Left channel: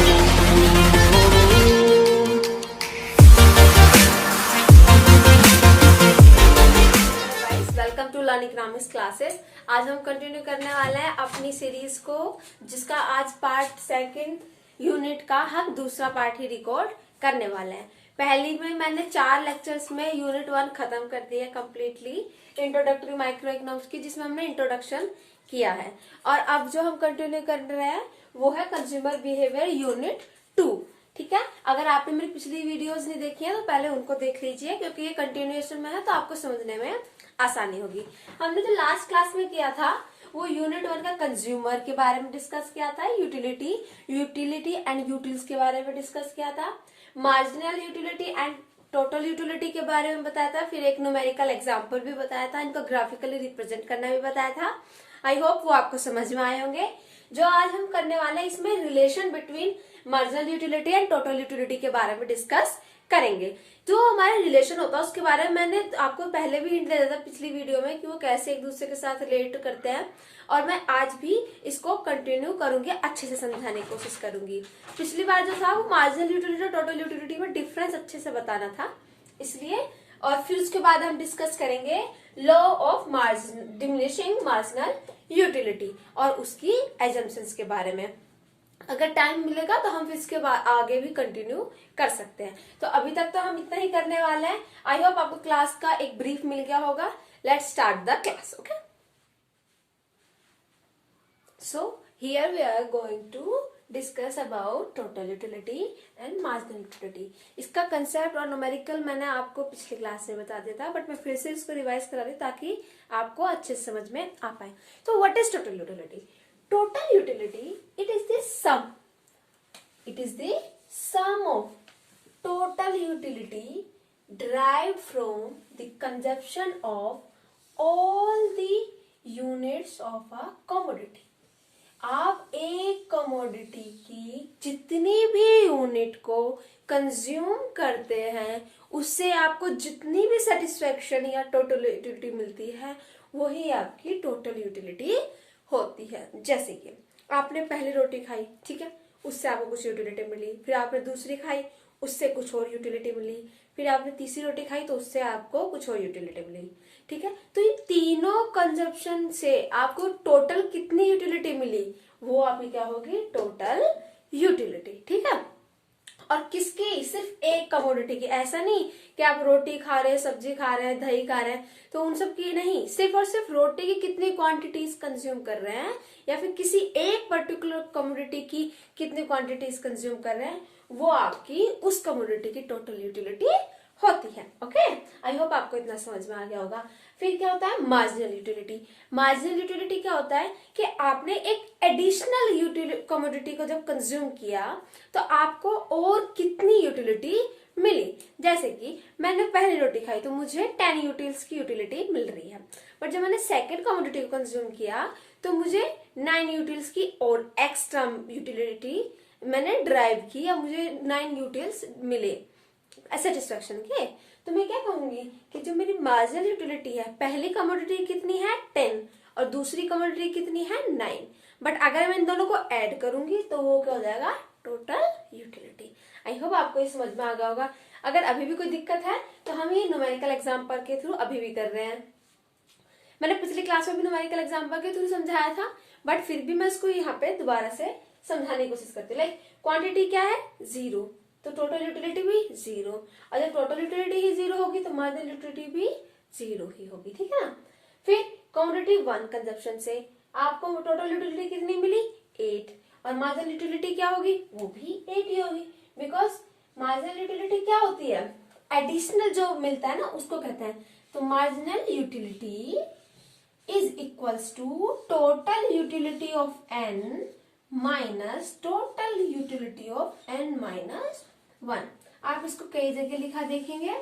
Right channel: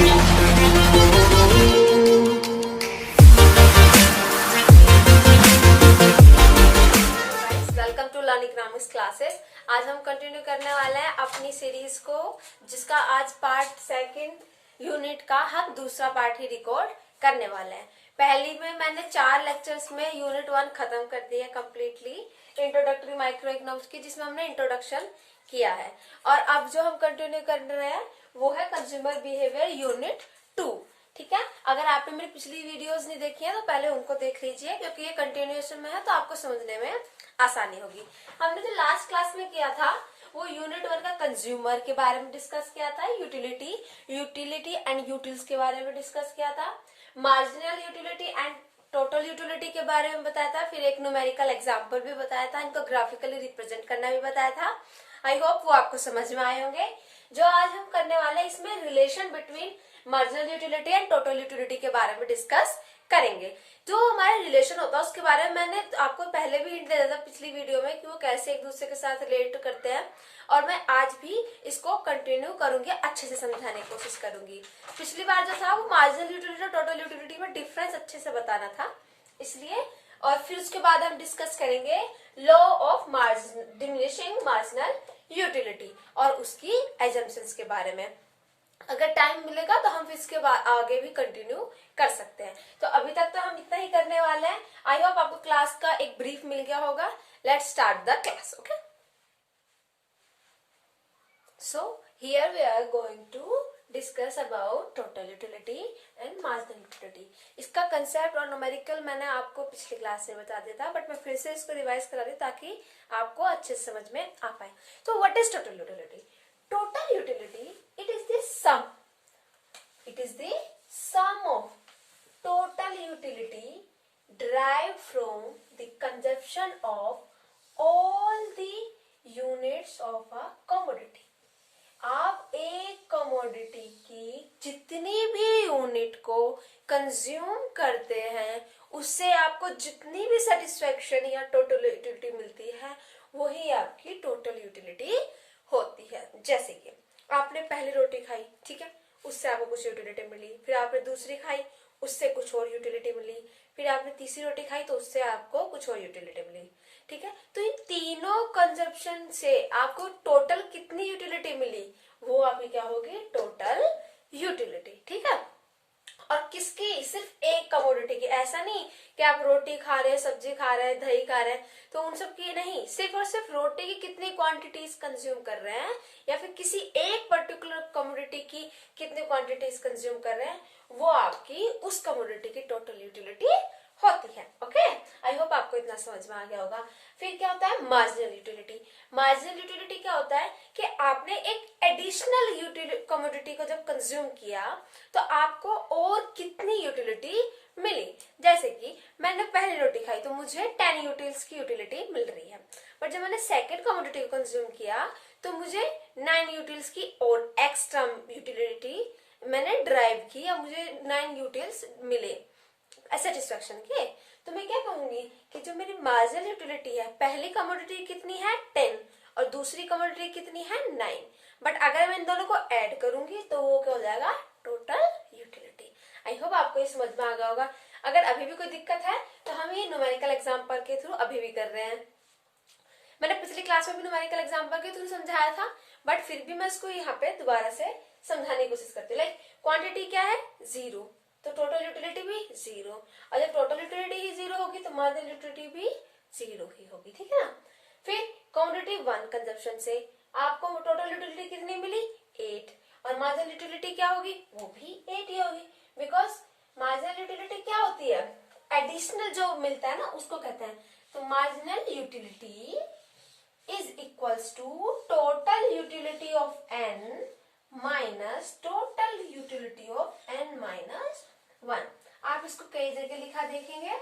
Welcome to learn economics classes. आज हम continue करने वाले हैं अपनी सीरीज को, जिसका आज पार्ट सेकंड यूनिट का हम दूसरा पार्ट ही रिकॉर्ड करने वाले हैं। पहली में मैंने 4 लेक्चर्स में यूनिट 1 खत्म कर दिया कंप्लीटली, इंट्रोडक्टरी माइक्रो इकोनॉमिक्स की, जिसमें हमने इंट्रोडक्शन किया है। और अब जो हम कंटिन्यू कर रहे हैं वो है कंज्यूमर बिहेवियर यूनिट 2। ठीक है, अगर आपने मेरी पिछली वीडियोस नहीं देखी है तो पहले उनको देख लीजिए, क्योंकि ये कंटिन्यूएशन में है तो आपको समझने में आसानी होगी। हमने जो लास्ट क्लास में किया था वो यूनिट 1 का कंज्यूमर के बारे में डिस्कस किया था, यूटिलिटी एंड यूटिल्स के बारे में डिस्कस किया था, marginal utility and total utility के बारे में बताया था, फिर एक न्यूमेरिकल एग्जाम्पल भी बताया था, इनको ग्राफिकली रिप्रेजेंट करना भी बताया था। आई होप वो आपको समझ में आए होंगे। जो आज हम करने वाले हैं इसमें relation between marginal utility and total utility के बारे में डिस्कस करेंगे। जो हमारा रिलेशन होता है उसके बारे में मैंने आपको पहले भी हिंट दे दिया था पिछली वीडियो में कि वो कैसे एक दूसरे के साथ रिलेट करते हैं, और मैं आज भी इसको कंटिन्यू करूंगी, अच्छे से समझाने की कोशिश करूंगी। पिछली बार जो था वो मार्जिनल यूटिलिटी और टोटल यूटिलिटी में डिफरेंस अच्छे से बताना था, इसलिए। और फिर उसके बाद हम डिस्कस करेंगे law of diminishing marginal utility और उसकी एजम्पशंस के बारे में। अगर टाइम मिलेगा तो हम इसके बाद आगे भी कंटिन्यू कर सकते हैं। तो अभी तक तो हम इतना ही करने वाले हैं। आई होप आपको क्लास का एक ब्रीफ मिल गया होगा। Let's start the class. Okay, so here we are going to discuss about total utility and marginal utility. इसका कंसेप्ट और न्यूमेरिकल मैंने आपको पिछली क्लास में बता दिया था, बट मैं फिर से इसको रिवाइज करा दी ताकि आपको अच्छे से समझ में आ पाए। तो what is total utility? Total utility, it is the sum. It is the sum of total utility derived from the consumption of all the units of a commodity. आप एक कमोडिटी की जितनी भी यूनिट को कंज्यूम करते हैं उससे आपको जितनी भी सेटिस्फेक्शन या टोटल यूटिलिटी मिलती है वही आपकी टोटल यूटिलिटी होती है। जैसे कि आपने पहली रोटी खाई, ठीक है, उससे आपको कुछ यूटिलिटी मिली, फिर आपने दूसरी खाई उससे कुछ और यूटिलिटी मिली, फिर आपने तीसरी रोटी खाई तो उससे आपको कुछ और यूटिलिटी मिली। ठीक है, तो इन तीनों कंजप्शन से आपको टोटल कितनी यूटिलिटी मिली वो आपकी क्या होगी? Total utility. ठीक है, और किसकी? सिर्फ एक कमोडिटी की। ऐसा नहीं कि आप रोटी खा रहे हैं, सब्जी खा रहे हैं, दही खा रहे हैं तो उन सब की नहीं, सिर्फ और सिर्फ रोटी की कितनी क्वांटिटीज कंज्यूम कर रहे हैं या फिर किसी एक पर्टिकुलर कमोडिटी की कितनी क्वांटिटीज कंज्यूम कर रहे हैं वो आपकी उस कमोडिटी की टोटल यूटिलिटी होती है। ओके, आई होप आपको इतना समझ में आ गया होगा। फिर क्या होता है? Marginal utility. मार्जिनल यूटिलिटी क्या होता है कि आपने एक एडिशनल कमोडिटी को जब कंज्यूम किया तो आपको और कितनी यूटिलिटी मिली। जैसे कि मैंने पहली रोटी खाई तो मुझे 10 यूटिल्स की यूटिलिटी मिल रही है, बट जब मैंने सेकेंड कमोडिटी को कंज्यूम किया तो मुझे 9 यूटिल्स की और एक्स्ट्रा यूटिलिटी मैंने ड्राइव की या मुझे 9 यूटिल्स मिले सेटिस्फेक्शन के। तो मैं क्या कहूंगी कि जो मेरी मार्जिनल यूटिलिटी है, पहली कमोडिटी कितनी है? 10 और दूसरी कमोडिटी कितनी है? 9। बट अगर मैं इन दोनों को ऐड करूंगी तो वो क्या हो जाएगा? Total utility. आई होप आपको ये समझ में आ गया होगा। अगर अभी भी कोई दिक्कत है तो हम ये न्यूमेरिकल एग्जाम्पल के थ्रू अभी भी कर रहे हैं। मैंने पिछली क्लास में भी न्यूमेरिकल एग्जाम्पल के थ्रू समझाया था, बट फिर भी मैं इसको यहाँ पे दोबारा से समझाने की कोशिश करती हूँ। लाइक क्वांटिटी क्या है? 0, तो टोटल यूटिलिटी भी 0, और जब टोटल यूटिलिटी ही 0 होगी तो मार्जिनल यूटिलिटी भी 0 ही होगी। ठीक है ना। फिर कमोडिटी 1 कंजप्शन से आपको टोटल यूटिलिटी कितनी मिली? 8, और मार्जिनल यूटिलिटी क्या होगी? वो भी 8 ही होगी, बिकॉज मार्जिनल यूटिलिटी क्या होती है? एडिशनल जो मिलता है ना उसको कहते हैं। तो marginal utility is equals to total utility of n minus total utility of n minus 1। आप इसको कई जगह लिखा देखेंगे।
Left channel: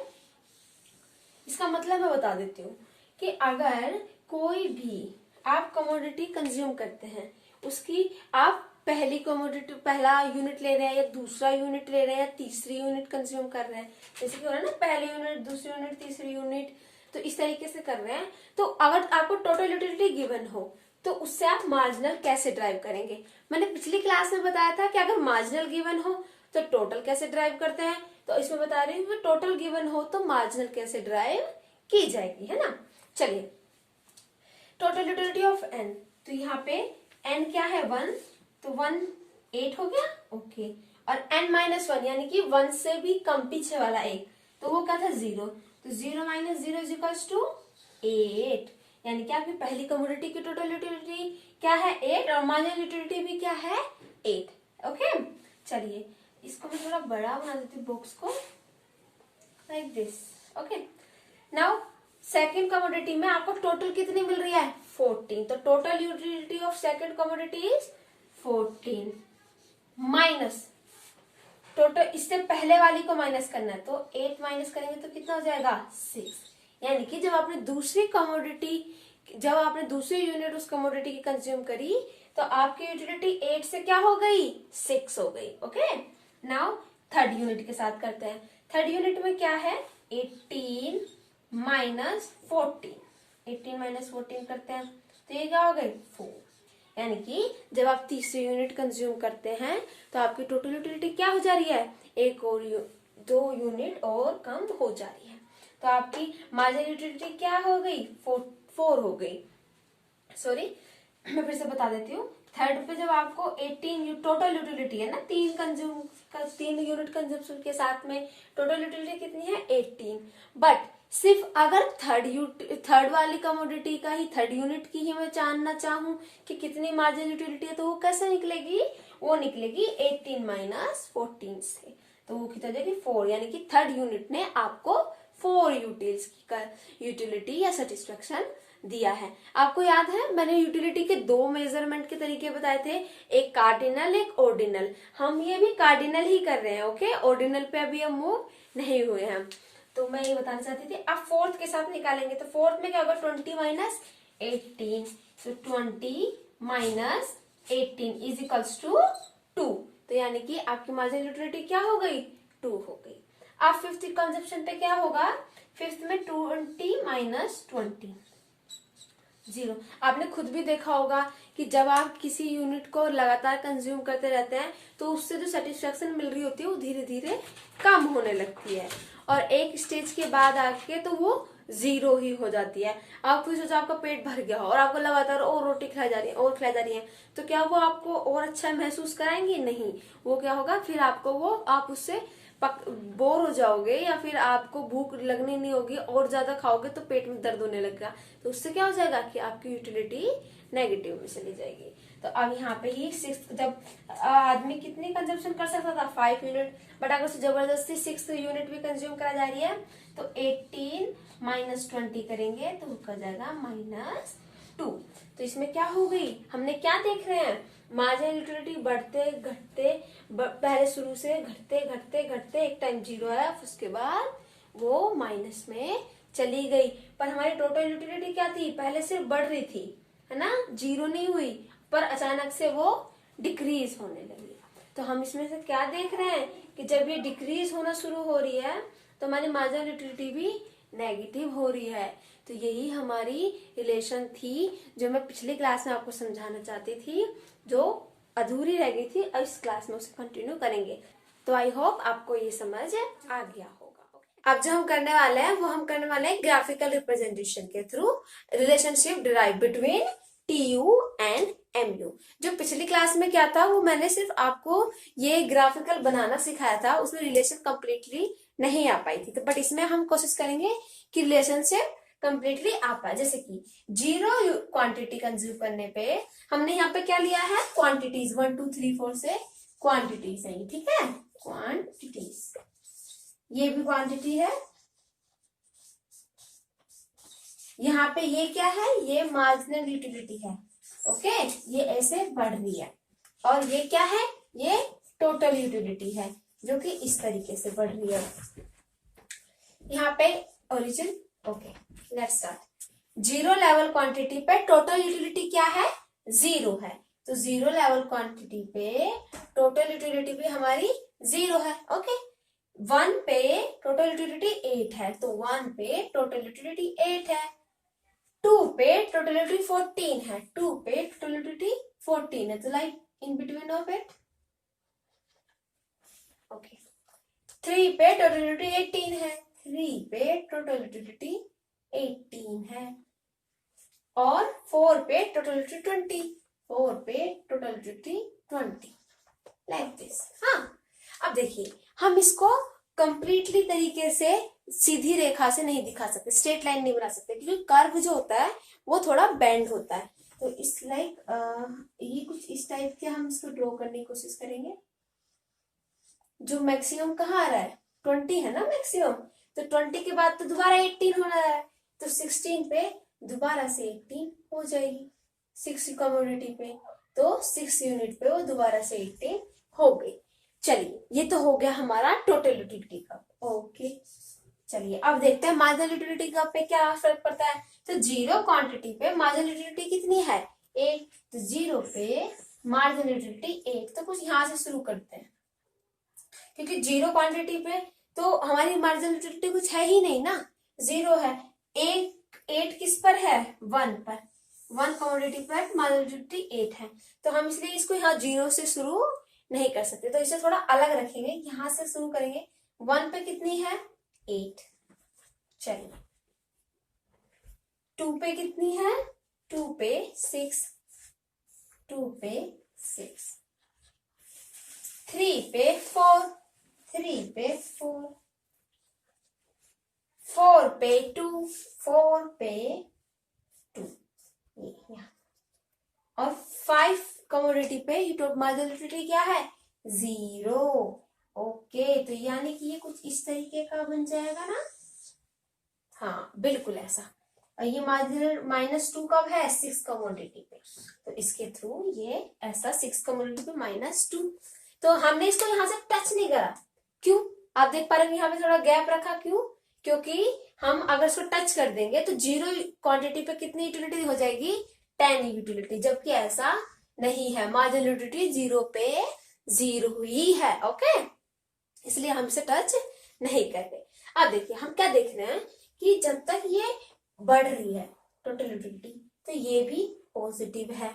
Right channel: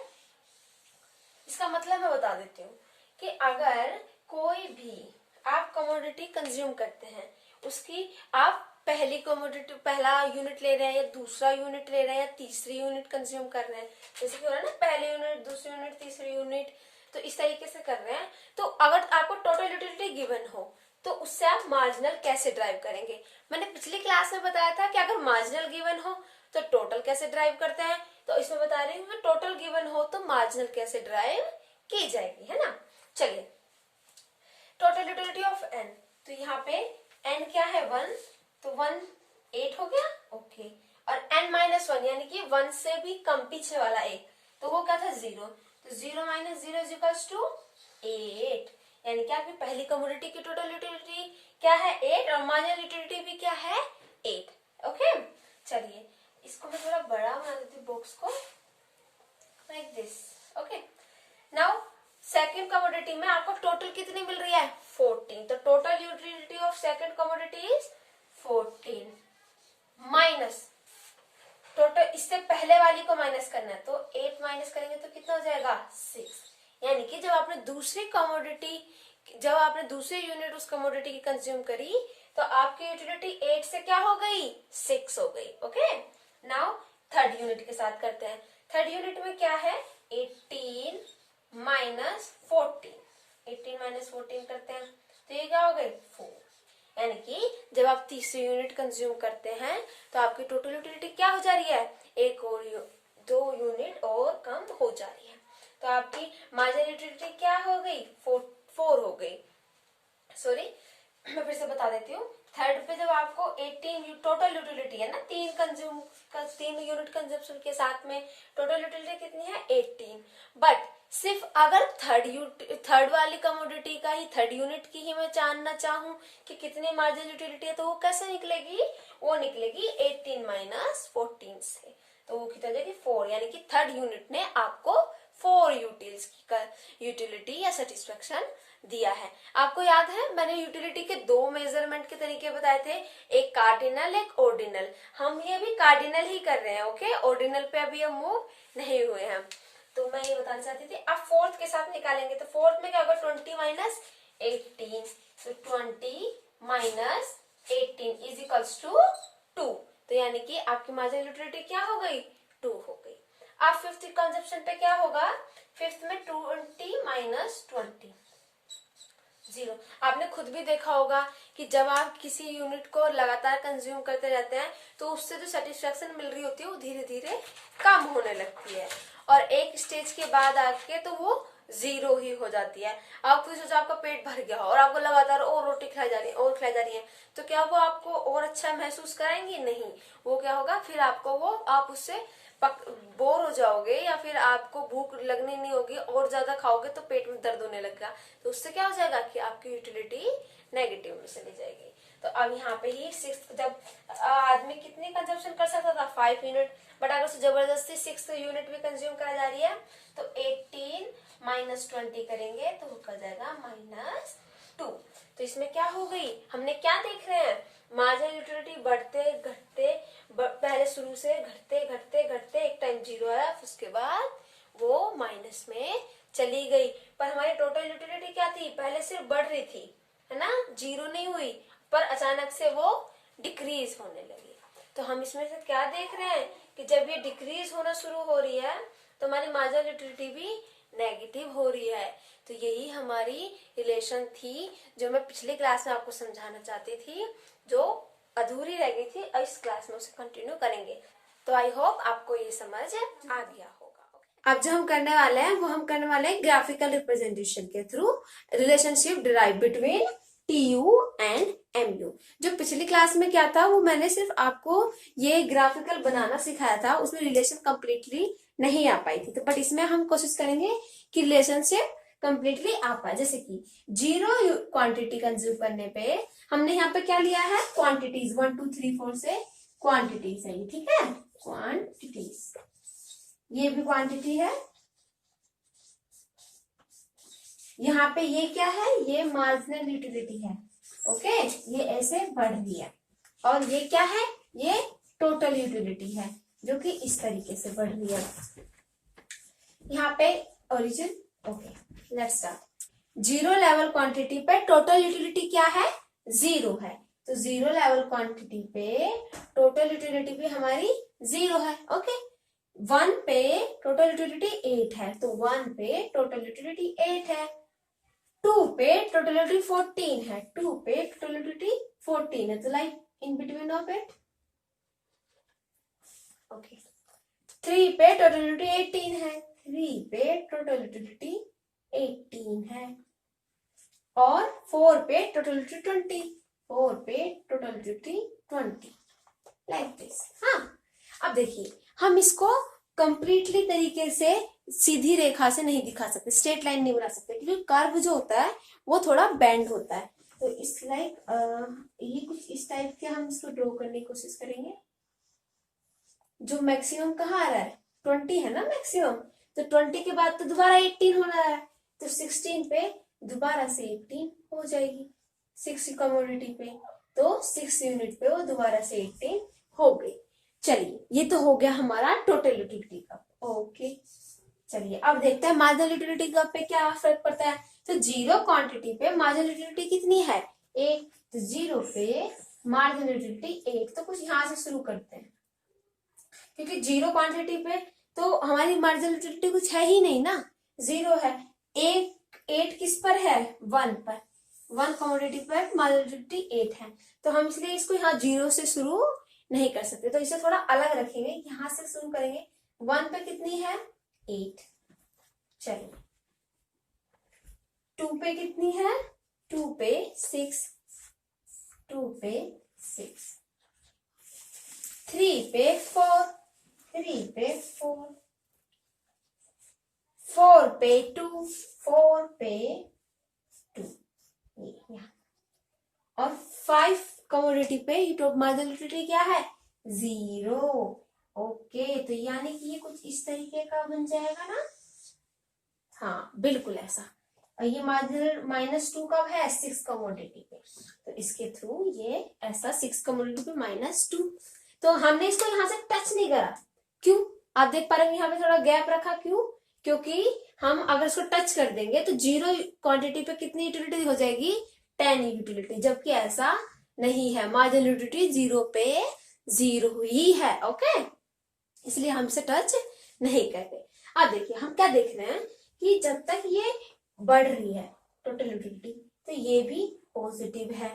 इसका मतलब मैं बता देती हूँ कि अगर कोई भी आप कमोडिटी कंज्यूम करते हैं, उसकी आप पहली कमोडिटी पहला यूनिट ले रहे हैं या दूसरा यूनिट ले रहे हैं या तीसरी यूनिट कंज्यूम कर रहे हैं, जैसे कि हो रहा है ना, पहले यूनिट, दूसरी यूनिट, तीसरी यूनिट, तो इस तरीके से कर रहे हैं। तो अगर आपको टोटल यूटिलिटी गिवन हो तो उससे आप मार्जिनल कैसे ड्राइव करेंगे। मैंने पिछली क्लास में बताया था कि अगर मार्जिनल गिवन हो तो टोटल कैसे ड्राइव करते हैं, तो इसमें बता रही हूँ कि टोटल गिवन हो तो मार्जिनल कैसे ड्राइव की जाएगी, है ना। चलिए, टोटल यूटिलिटी ऑफ एन, तो यहाँ पे एन क्या है 1, तो 1 8 हो गया, ओके। और एन माइनस 1 यानी कि 1 से भी कम पीछे वाला एक, तो वो क्या था 0, तो 0 माइनस 0 इज इक्वल्स टू 8, यानी कि आपकी पहली कमोडिटी की टोटल यूटिलिटी क्या है 8 और मार्जिनल यूटिलिटी भी क्या है 8, ओके। चलिए इसको मैं थोड़ा बड़ा बना देती हूँ बॉक्स को, like this, okay. Now second commodity में आपको टोटल कितनी मिल रही है 14, तो total utility of second commodity is 14 minus total, इससे पहले वाली को माइनस करना है, तो 8 माइनस करेंगे तो कितना हो जाएगा 6, यानी कि जब आपने दूसरी यूनिट उस कमोडिटी की कंज्यूम करी तो आपकी यूटिलिटी 8 से क्या हो गई 6 हो गई, ओके। नाउ थर्ड यूनिट के साथ करते हैं। थर्ड यूनिट में क्या है 18 माइनस 14, 18 माइनस 14 करते हैं तो ये क्या हो गई 4, यानी कि जब आप तीसरी यूनिट कंज्यूम करते हैं तो आपकी टोटल यूटिलिटी क्या हो जा रही है, एक और 2 यूनिट और कम हो जा रही है, तो आपकी मार्जिनल यूटिलिटी क्या हो गई 4 हो गई। सॉरी, मैं फिर से बता देती हूँ। थर्ड पे जब आपको 18 टोटल यूटिलिटी है ना, 3 यूनिट कंज्यूम्पशन के साथ में टोटल यूटिलिटी कितनी है 18, बट सिर्फ अगर थर्ड वाली कमोडिटी का ही थर्ड यूनिट की ही मैं जानना चाहूं कि कितनी मार्जिनल यूटिलिटी है, तो वो कैसे निकलेगी, वो निकलेगी 18 माइनस 14 से, तो वो कितना जाएगी 4, यानी कि थर्ड यूनिट ने आपको 4 यूटिलिटी या सेटिस्फेक्शन दिया है। आपको याद है मैंने यूटिलिटी के 2 मेजरमेंट के तरीके बताए थे, एक कार्डिनल एक ऑर्डिनल, हम ये भी कार्डिनल ही कर रहे हैं, ओके। ऑर्डिनल पे अभी हम मूव नहीं हुए हैं, तो मैं ये बताना चाहती थी। अब फोर्थ के साथ निकालेंगे तो फोर्थ में क्या होगा 20 माइनस 18, तो 20 माइनस 18 इज इक्वल्स टू 2, तो यानी कि आपकी मार्जिनल यूटिलिटी क्या हो गई 2 हो गई। अब फिफ्थ कंजप्शन पे क्या होगा, फिफ्थ में 20 माइनस 20 0। आपने खुद भी देखा होगा कि जब आप किसी यूनिट को लगातार कंज्यूम करते रहते हैं तो उससे जो सेटिस्फेक्शन मिल रही होती है वो धीरे धीरे कम होने लगती है, और एक स्टेज के बाद आके तो वो 0 ही हो जाती है। आपको सोचो आपका पेट भर गया हो और आपको लगातार और रोटी खिलाई जा रही है और खिलाई जा रही है, तो क्या वो आपको और अच्छा महसूस कराएंगी, नहीं। वो क्या होगा फिर आपको वो आप उससे बोर हो जाओगे या फिर आपको भूख लगनी नहीं होगी, और ज्यादा खाओगे तो पेट में दर्द होने लगेगा, तो उससे क्या हो जाएगा कि आपकी यूटिलिटी नेगेटिव में चली जाएगी। तो अब यहाँ पे ही 6, जब आदमी कितनी कंजम्पशन कर सकता था 5 यूनिट, बट अगर जबरदस्ती 6 यूनिट भी कंज्यूम करा जा रही है तो 18 माइनस 20 करेंगे तो कर जाएगा -2। तो इसमें क्या हो गई, हमने क्या देख रहे हैं, मार्जिनल यूटिलिटी बढ़ते घटते, पहले शुरू से घटते घटते घटते एक टाइम 0 आया, उसके बाद वो माइनस में चली गई, पर हमारी टोटल यूटिलिटी क्या थी, पहले सिर्फ बढ़ रही थी, है ना, 0 नहीं हुई, पर अचानक से वो डिक्रीज होने लगी। तो हम इसमें से क्या देख रहे हैं कि जब ये डिक्रीज होना शुरू हो रही है तो हमारी मार्जिनल यूटिलिटी भी नेगेटिव हो रही है। तो यही हमारी रिलेशन थी जो मैं पिछली क्लास में आपको समझाना चाहती थी, जो अधूरी रह गई थी, और इस क्लास में उसे कंटिन्यू करेंगे। तो आई होप आपको ये समझ आ गया होगा। अब जो हम करने वाले हैं वो हम करने वाले हैं ग्राफिकल रिप्रेजेंटेशन के through relationship derive between TU and MU। जो पिछली क्लास में क्या था वो मैंने सिर्फ आपको ये ग्राफिकल बनाना सिखाया था, उसमें रिलेशन कंप्लीटली नहीं आ पाई थी, तो बट इसमें हम कोशिश करेंगे कि रिलेशनशिप कंप्लीटली आ पाए। जैसे कि 0 क्वांटिटी कंज्यूम करने पे हमने यहाँ पे क्या लिया है, क्वांटिटीज 1 2 3 4 से क्वांटिटीज है, ठीक है, क्वांटिटीज, ये भी क्वांटिटी है। यहाँ पे ये क्या है, ये मार्जिनल यूटिलिटी है, ओके, ये ऐसे बढ़ रही है, और ये क्या है, ये टोटल यूटिलिटी है जो कि इस तरीके से बढ़ रही है। यहाँ पे origin, okay, let's start. 0 level quantity पे टोटल यूटिलिटी क्या है 0 है, तो 0 लेवल क्वांटिटी पे टोटल यूटिलिटी भी हमारी 0 है, ओके। 1 पे टोटल यूटिलिटी 8 है, तो 1 पे टोटल यूटिलिटी 8 है, 2 पे टोटल यूटिलिटी 14 है, 2 पे टोटल यूटिलिटी 14 है, तो like in between of it. Okay, 3 पे टोटल यूटिलिटी 18 है, 3 पे टोटल यूटिलिटी 18 है, और 4 पे टोटल यूटिलिटी 20, 4 पे टोटल यूटिलिटी 20, लाइक दिस। हाँ, अब देखिए हम इसको कंप्लीटली तरीके से सीधी रेखा से नहीं दिखा सकते, स्ट्रेट लाइन नहीं बना सकते, क्योंकि कर्व जो होता है वो थोड़ा बेंड होता है। तो इस लाइक ये कुछ इस टाइप के हम इसको ड्रॉ करने की कोशिश करेंगे। जो मैक्सिमम कहाँ आ रहा है, 20 है ना मैक्सिमम, तो 20 के बाद तो दोबारा 18 हो रहा है, तो 16 पे दोबारा से 18 हो जाएगी, 6 कमोडिटी पे, तो 6 यूनिट पे वो दोबारा से 18 हो गई। चलिए, ये तो हो गया हमारा टोटल यूटिलिटी कप। ओके, चलिए अब देखते हैं मार्जिनल यूटिलिटी कप पे क्या फर्क पड़ता है। तो जीरो क्वांटिटी पे मार्जिनल यूटिलिटी कितनी है, 1, तो 0 पे मार्जिनल यूटिलिटी 1। तो कुछ यहां से शुरू करते हैं, क्योंकि जीरो क्वांटिटी पे तो हमारी मार्जिनल यूटिलिटी कुछ है ही नहीं ना, 0 है। 8 किस पर है, 1 पर, 1 कमोडिटी पर मार्जिनल यूटिलिटी 8 है, तो हम इसलिए इसको यहाँ 0 से शुरू नहीं कर सकते, तो इसे थोड़ा अलग रखेंगे, यहां से शुरू करेंगे। 1 पे कितनी है, 8। चलिए, 2 पे कितनी है, 2 पे 6, 2 पे 6, 3 पे 4, 3 पे 4, 4 पे 2, 4 पे 2, ये यहाँ। और 5 कमोडिटी पे मार्जिनल यूटिलिटी क्या है, 0। ओके, तो यानी कि ये कुछ इस तरीके का बन जाएगा ना। हाँ, बिल्कुल ऐसा। और ये मार्जिनल -2 कब है, 6 कमोडिटी पे, तो इसके थ्रू ये ऐसा 6 कमोडिटी पे -2। तो हमने इसको यहाँ से टच नहीं करा, क्यों, आप देख पा रहे हैं यहाँ पे थोड़ा गैप रखा, क्यों, क्योंकि हम अगर इसको टच कर देंगे तो 0 क्वांटिटी पे कितनी यूटिलिटी हो जाएगी, 10 यूटिलिटी, जबकि ऐसा नहीं है, मार्जिनल यूटिलिटी 0 पे 0 ही है। ओके, इसलिए हमसे टच नहीं करते। अब देखिए हम क्या देख रहे हैं कि जब तक ये बढ़ रही है टोटल यूटिलिटी, तो ये भी पॉजिटिव है।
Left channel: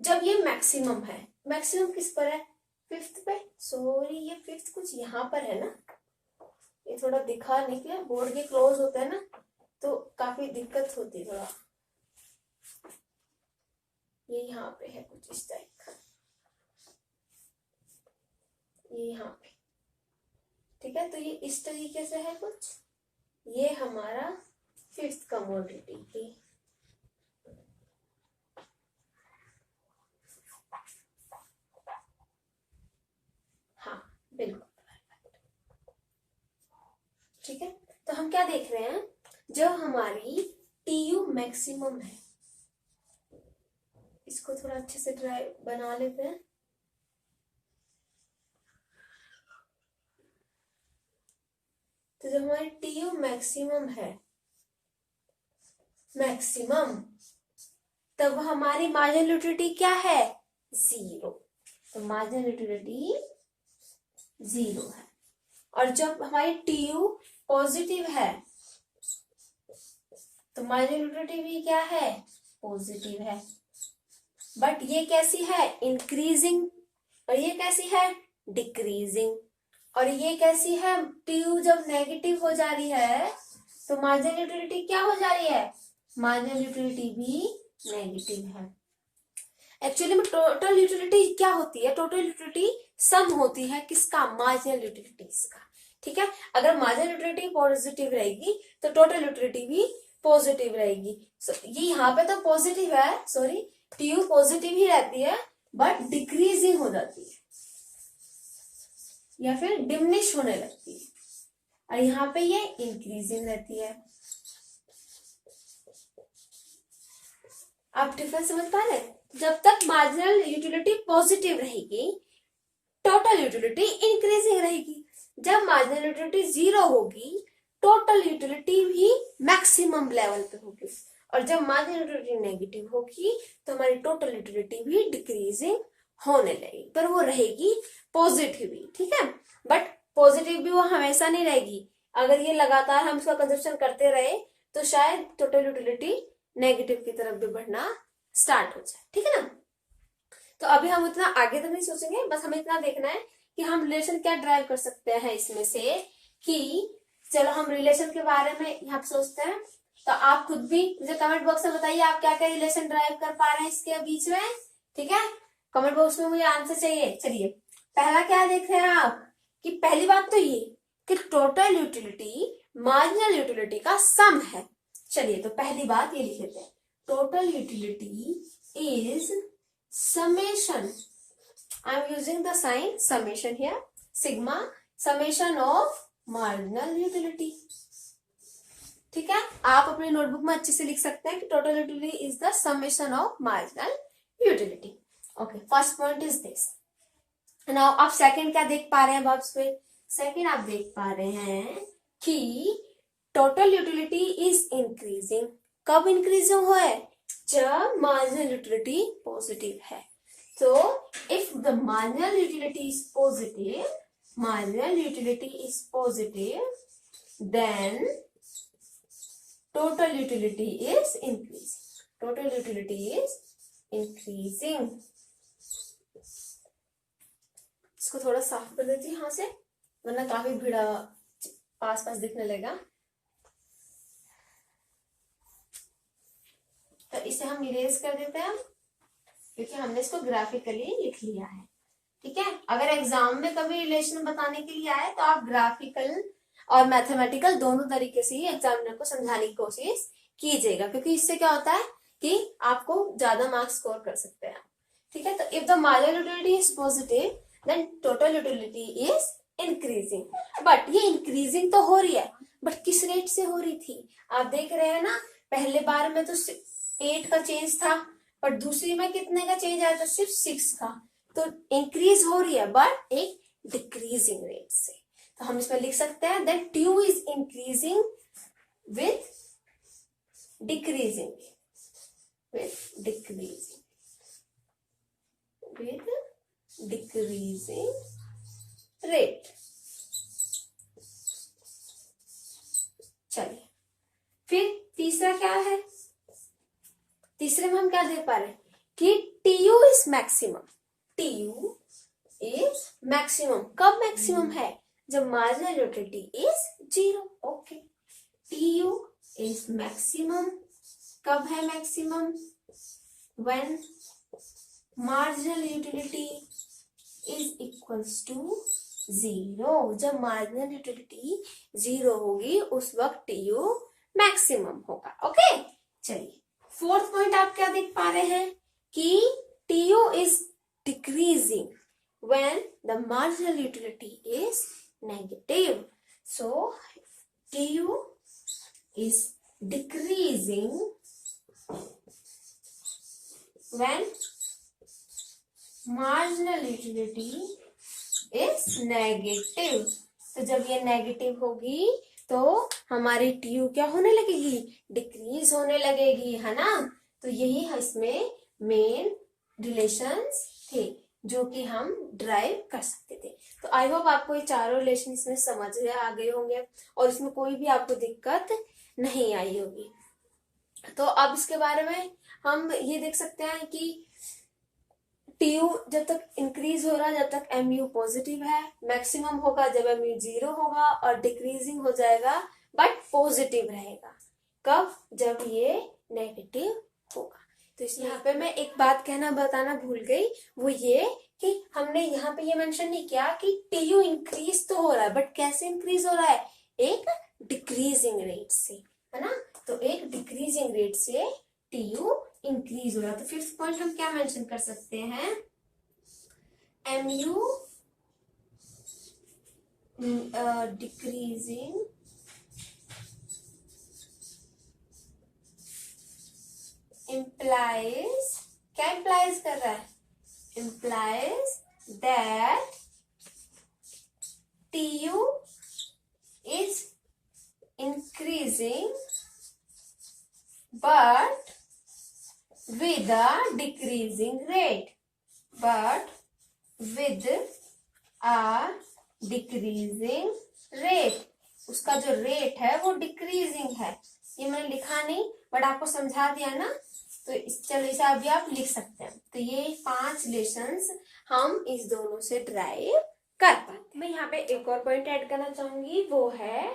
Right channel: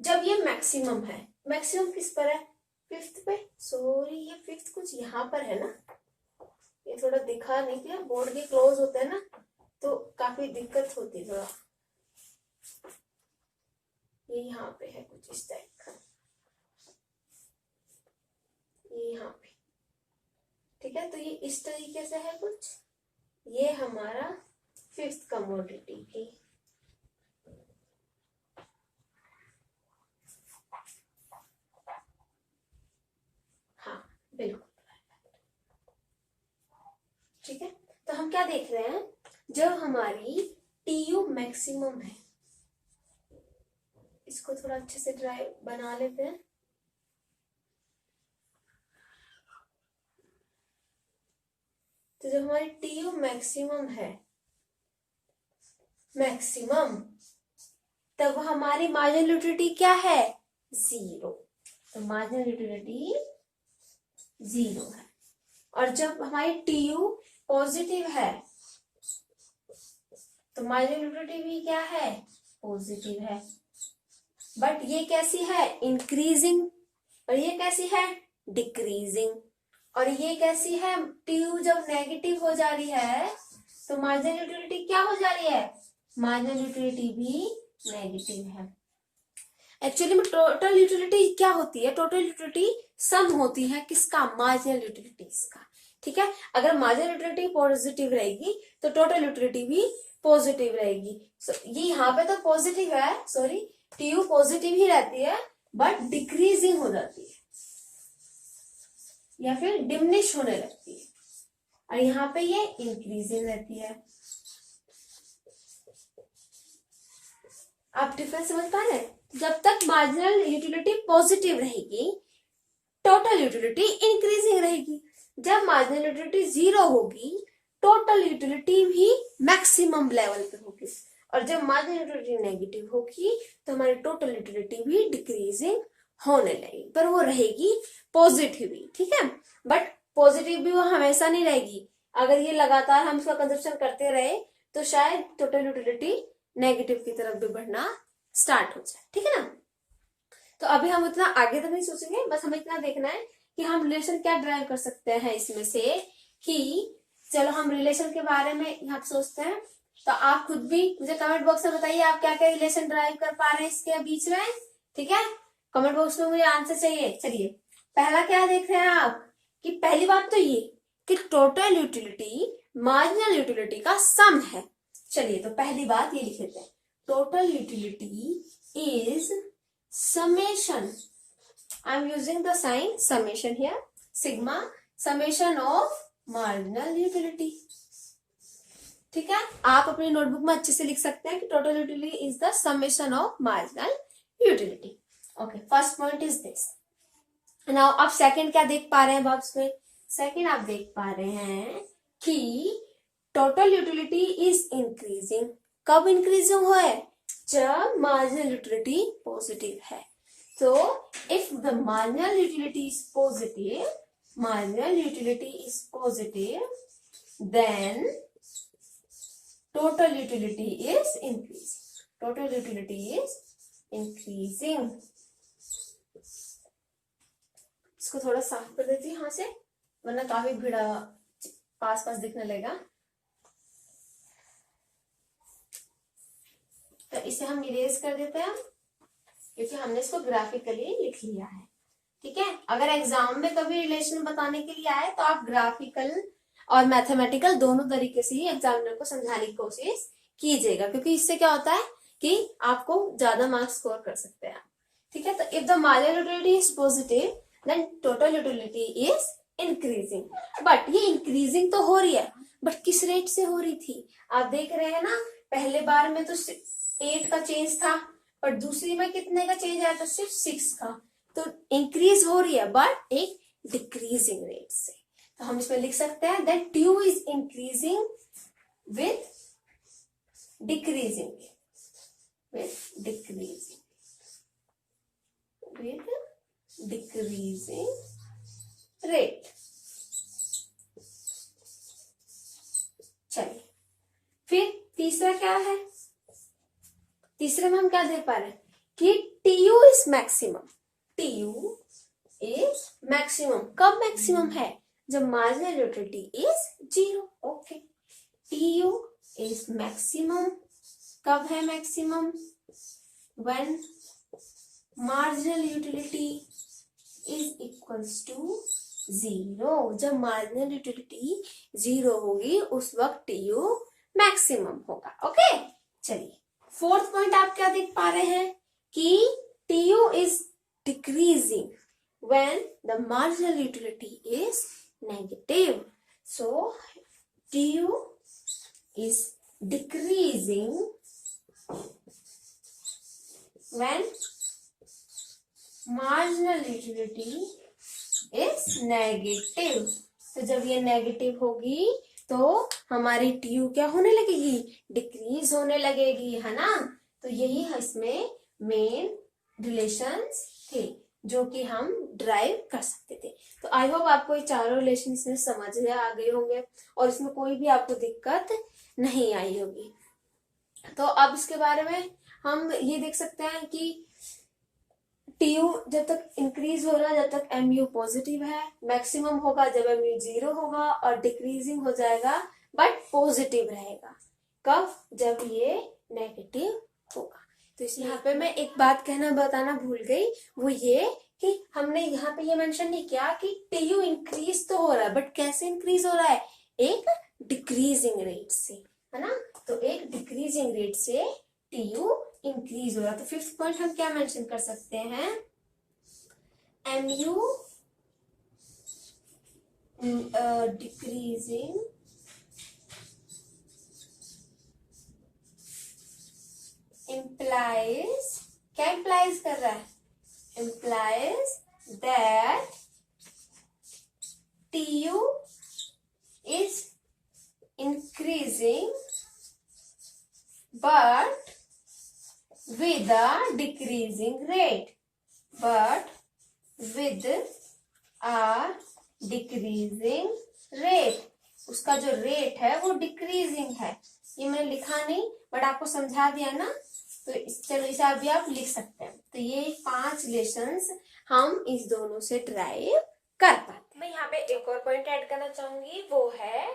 जब ये मैक्सिमम है, मैक्सिमम किस पर है, 5th पे, सॉरी ये 5th कुछ यहाँ पर है ना, ये थोड़ा दिखा नहीं, कि बोर्ड के क्लोज होते हैं ना तो काफी दिक्कत होती है थोड़ा, ये यहाँ पे है कुछ इस टाइप का, ये यहाँ पे, ठीक है, तो ये इस तरीके से है कुछ, ये हमारा 5th कमोडिटी की। हाँ बिल्कुल, ठीक है। तो हम क्या देख रहे हैं, जो हमारी टीयू मैक्सिमम है, इसको थोड़ा अच्छे से ड्राई बना लेते हैं। तो जो हमारी टीयू मैक्सिमम है, मैक्सिमम, तब हमारी मार्जिनल यूटिलिटी क्या है, 0। तो मार्जिनल यूटिलिटी 0 है। और जब हमारी टीयू पॉजिटिव है, तो मार्जिनल यूटिलिटी भी क्या है, पॉजिटिव है। बट ये कैसी है, इंक्रीजिंग, और ये कैसी है, डिक्रीजिंग। और ये कैसी है, टीयू जब नेगेटिव हो जा रही है तो मार्जिनल यूटिलिटी क्या हो जा रही है, मार्जिनल यूटिलिटी भी नेगेटिव है। एक्चुअली में टोटल यूटिलिटी क्या होती है, टोटल यूटिलिटी सम होती है किसका, मार्जिनल यूटिलिटीज का, ठीक है। अगर मार्जिनल यूटिलिटी पॉजिटिव रहेगी तो टोटल यूटिलिटी भी पॉजिटिव रहेगी। ये यहाँ पे तो पॉजिटिव है, सॉरी, टीयू पॉजिटिव ही रहती है, बट डिक्रीजिंग हो जाती है या फिर डिमिनिश होने लगती है, और यहाँ पे ये इंक्रीजिंग रहती है। आप डिफरेंस समझ पा रहे हैं, जब तक मार्जिनल यूटिलिटी पॉजिटिव रहेगी, टोटल यूटिलिटी इंक्रीजिंग रहेगी। जब मार्जिनल यूटिलिटी 0 होगी, टोटल यूटिलिटी भी मैक्सिमम लेवल पे होगी। और जब मार्जिनल यूटिलिटी नेगेटिव होगी तो हमारी टोटल यूटिलिटी भी डिक्रीजिंग होने लगेगी, पर वो रहेगी पॉजिटिव ही, ठीक है। बट पॉजिटिव भी वो हमेशा नहीं रहेगी, अगर ये लगातार हम इसका कंजप्शन करते रहे तो शायद टोटल यूटिलिटी नेगेटिव की तरफ भी बढ़ना स्टार्ट हो जाए, ठीक है ना। तो अभी हम इतना आगे तक नहीं सोचेंगे, बस हमें इतना देखना है कि हम रिलेशन क्या ड्राइव कर सकते हैं इसमें से, कि चलो हम रिलेशन के बारे में यहाँ पे सोचते हैं। तो आप खुद भी मुझे कमेंट बॉक्स में बताइए आप क्या क्या रिलेशन ड्राइव कर पा रहे हैं इसके बीच में, ठीक है। कमेंट बॉक्स में मुझे आंसर चाहिए। चलिए पहला क्या देख रहे हैं आप, कि पहली बात तो ये कि टोटल यूटिलिटी मार्जिनल यूटिलिटी का सम है। चलिए तो पहली बात ये लिख लेते हैं, total utility is summation, I am using the sign summation here, sigma summation of marginal utility, ठीक है। आप अपने नोटबुक में अच्छे से लिख सकते हैं कि total utility is the summation of marginal utility. Okay, first point is this. Now आप सेकंड क्या देख पा रहे हैं बॉक्स में, सेकंड आप देख पा रहे हैं कि टोटल यूटिलिटी इज इंक्रीजिंग। कब इंक्रीजिंग हो है, जब मार्जिनल यूटिलिटी पॉजिटिव है। तो if the marginal utility is positive, marginal utility is positive, then total utility is increasing, total utility is increasing. इसको थोड़ा साफ कर देती हूँ यहाँ से, वरना काफी भीड़ा पास पास दिखने लगेगा। तो इसे हम इरेज कर देते हैं क्योंकि हमने इसको ग्राफिकली लिख लिया है, ठीक है। अगर एग्जाम में कभी रिलेशन बताने के लिए आए तो आप ग्राफिकल और मैथमेटिकल दोनों तरीके से ही एग्जामिनर को समझाने की कोशिश कीजिएगा, क्योंकि इससे क्या होता है कि आपको ज्यादा मार्क्स स्कोर कर सकते हैं, ठीक है। तो if the marginal utility is positive then total utility is increasing. But ये इंक्रीजिंग तो हो रही है, बट किस रेट से हो रही थी आप देख रहे हैं ना। पहले बार में तो 8 का चेंज था, पर दूसरी में कितने का चेंज आया था, सिर्फ 6 का। तो इंक्रीज हो रही है बट एक डिक्रीजिंग रेट से। तो हम इसमें लिख सकते हैं that TU is increasing with decreasing, with decreasing, with decreasing rate. चलिए फिर तीसरा क्या है, तीसरे में हम क्या दे पा रहे हैं कि TU is maximum, TU is maximum. कब मैक्सिमम है, जब marginal utility is 0। Okay, TU is maximum. कब है maximum, when marginal utility is equals to 0। जब मार्जिनल यूटिलिटी 0 होगी उस वक्त टीयू मैक्सिमम होगा। ओके, चलिए फोर्थ पॉइंट आप क्या देख पा रहे हैं कि TU is decreasing when the marginal utility is negative. So TU is decreasing when marginal utility is negative. तो जब ये नेगेटिव होगी तो हमारी टीयू क्या होने लगेगी, डिक्रीज होने लगेगी, है ना। तो यही इसमें मेन रिलेशंस थे जो कि हम ड्राइव कर सकते थे। तो आई होप आपको ये चारों रिलेशन इसमें समझ आ गए होंगे और इसमें कोई भी आपको दिक्कत नहीं आई होगी। तो अब इसके बारे में हम ये देख सकते हैं कि टीयू जब तक इंक्रीज हो रहा है, जब तक एमयू पॉजिटिव है, मैक्सिमम होगा जब एमयू 0 होगा, और डिक्रीजिंग हो जाएगा बट पॉजिटिव रहेगा। कब, जब ये नेगेटिव होगा। तो इस यहाँ पे मैं एक बात कहना बताना भूल गई, वो ये कि हमने यहाँ पे ये मेंशन नहीं किया कि टीयू इंक्रीज तो हो रहा है, बट कैसे इंक्रीज हो रहा है, एक डिक्रीजिंग रेट से, है ना। तो एक डिक्रीजिंग रेट से टीयू इंक्रीज हो रहा है। तो फिफ्थ पॉइंट हम क्या मेंशन कर सकते हैं, एमयू डिक्रीजिंग implies, क्या implies कर रहा है, implies that TU is increasing but with a decreasing rate, but with a decreasing rate। उसका जो रेट है वो डिक्रीजिंग है, ये मैंने लिखा नहीं बट आपको समझा दिया ना, तो चलो इसे अभी आप लिख सकते हैं। तो ये 5 लेसन्स हम इस दोनों से ड्राइव कर पाते। मैं यहाँ पे एक और पॉइंट ऐड करना चाहूंगी, वो है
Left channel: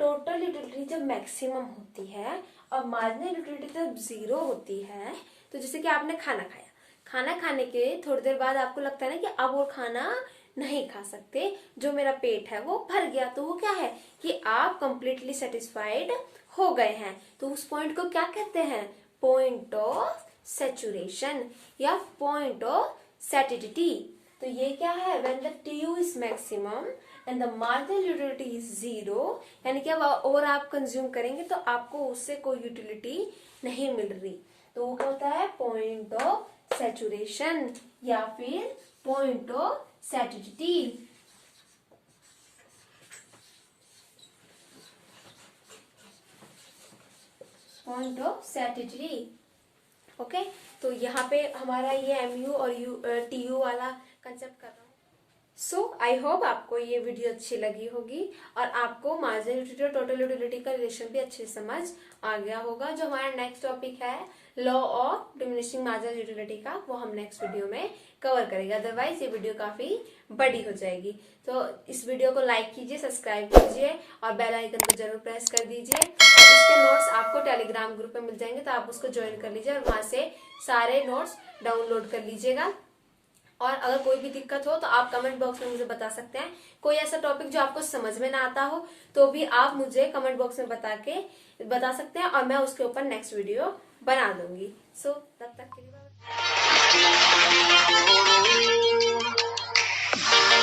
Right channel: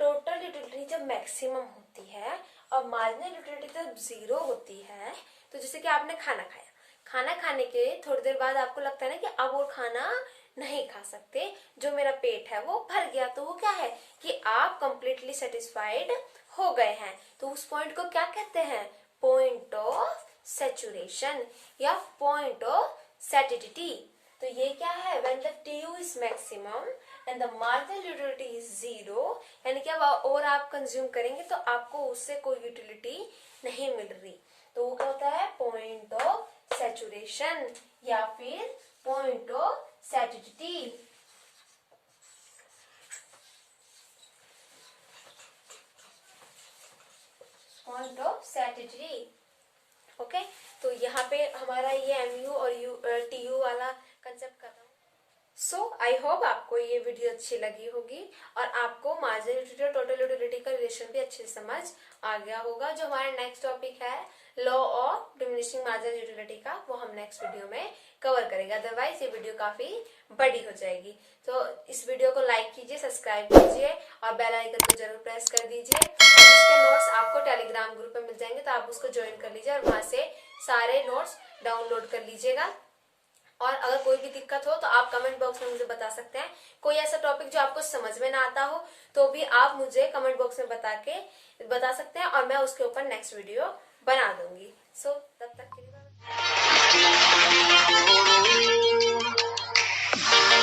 टोटल यूटिलिटी जब मैक्सिमम होती है और मार्जिनल यूटिलिटी जब 0 होती है। तो जैसे कि आपने खाना खाया, खाना खाने के थोड़ी देर बाद आपको लगता है ना कि अब और खाना नहीं खा सकते, जो मेरा पेट है वो भर गया, तो वो क्या है कि आप कंप्लीटली सेटिस्फाइड हो गए हैं। तो उस पॉइंट को क्या कहते हैं, पॉइंट ऑफ सैचुरेशन या पॉइंट ऑफ सैटिडिटी। तो ये क्या है, when the TU is maximum and the marginal utility is 0, यानी कि अब और आप कंज्यूम करेंगे तो आपको उससे कोई यूटिलिटी नहीं मिल रही, तो वो क्या होता है, पॉइंट ऑफ सैचुरेशन या फिर point of satiety. Point of satiety. Okay, तो यहाँ पे हमारा ये MU और TU वाला कंसेप्ट कर रहा हूँ। सो आई होप आपको ये वीडियो अच्छी लगी होगी और आपको मार्जिनल यूटिलिटी और टोटल यूटिलिटी का रिलेशन भी अच्छे से समझ आ गया होगा। जो हमारा नेक्स्ट टॉपिक है law of diminishing marginal utility का, वो हम नेक्स्ट वीडियो में कवर करेंगे, अदरवाइज ये वीडियो काफी बड़ी हो जाएगी। तो इस वीडियो को लाइक कीजिए, सब्सक्राइब कीजिए और बेल आइकन को जरूर प्रेस कर दीजिए। और इसके नोट्स आपको टेलीग्राम ग्रुप में मिल जाएंगे, तो आप उसको ज्वाइन कर लीजिए और वहां से सारे नोट्स डाउनलोड कर लीजिएगा। और अगर कोई भी दिक्कत हो तो आप कमेंट बॉक्स में मुझे बता सकते हैं। कोई ऐसा टॉपिक जो आपको समझ में ना आता हो तो भी आप मुझे कमेंट बॉक्स में बता सकते हैं और मैं उसके ऊपर नेक्स्ट वीडियो बना दूंगी। सो तब तक के लिए